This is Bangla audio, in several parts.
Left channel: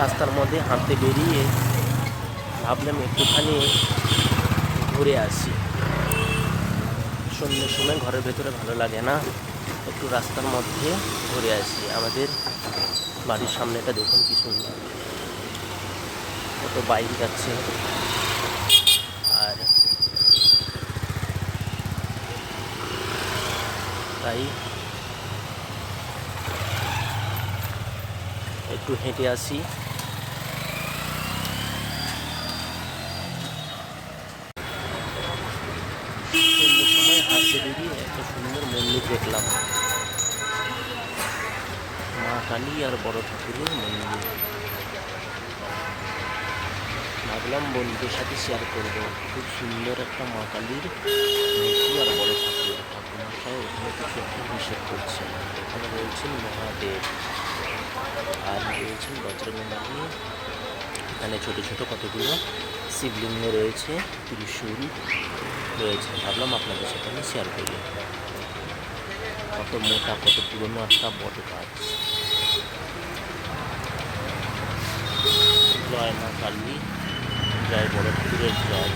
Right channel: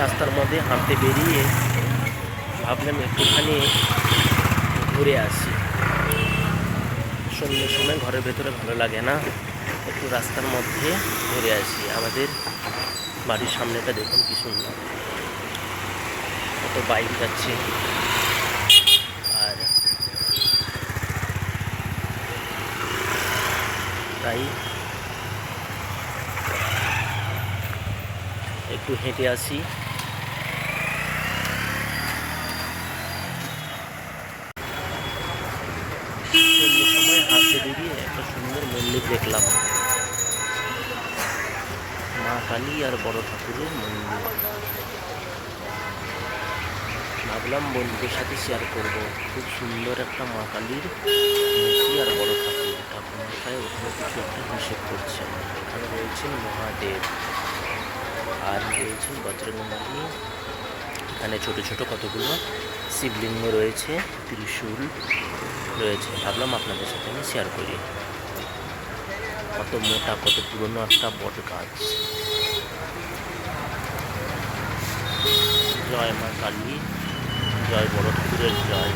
রাস্তার মধ্যে হাঁটতে বেরিয়ে ভাবলাম একটুখানি ঘুরে আসি। সন্ধ্যের সময় ঘরের ভেতরে ভালো লাগে না, একটু রাস্তার মধ্যে ঘুরে আসি। আমাদের বাড়ির সামনেটা দেখুন কি সুন্দর, কত বাইক যাচ্ছে। আর তাই একটু হেঁটে আসি। সন্ধ্যের সময় হাঁটতে বেরিয়ে একটা সুন্দর মন্দির দেখলাম, মা কালী আর বড় ঠাকুরের মন্দির। ভাবলাম বন্ধুদের সাথে শেয়ার করব। খুব সুন্দর একটা মা কালীর মূর্তি আর বড় ঠাকুরমশাই ওখানে কিছু একটা হিসেব করছেন। ওখানে রয়েছেন মহাদেব আর রয়েছেন বজরংবলী। এখানে ছোট ছোট কতগুলো শিবলিঙ্গ রয়েছে, ত্রিশূল রয়েছে। ভাবলাম আপনাদের সাথে আমি শেয়ার করি। কত মোটা, কত পুরনো একটা বট গাছ। জয় মা কালী, জয় বড় ঠাকুরের জয়।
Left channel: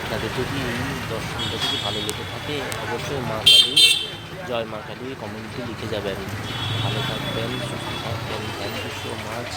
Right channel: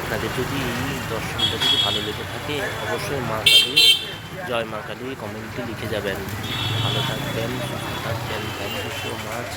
আপনাদের যদি এই দর্শনটা যদি ভালো লেগে থাকে, অবশ্যই মা কালী, জয় মা কালী কমেন্টে লিখে যাবেন। ভালো থাকবেন, সুস্থ থাকবেন। Thank you so much.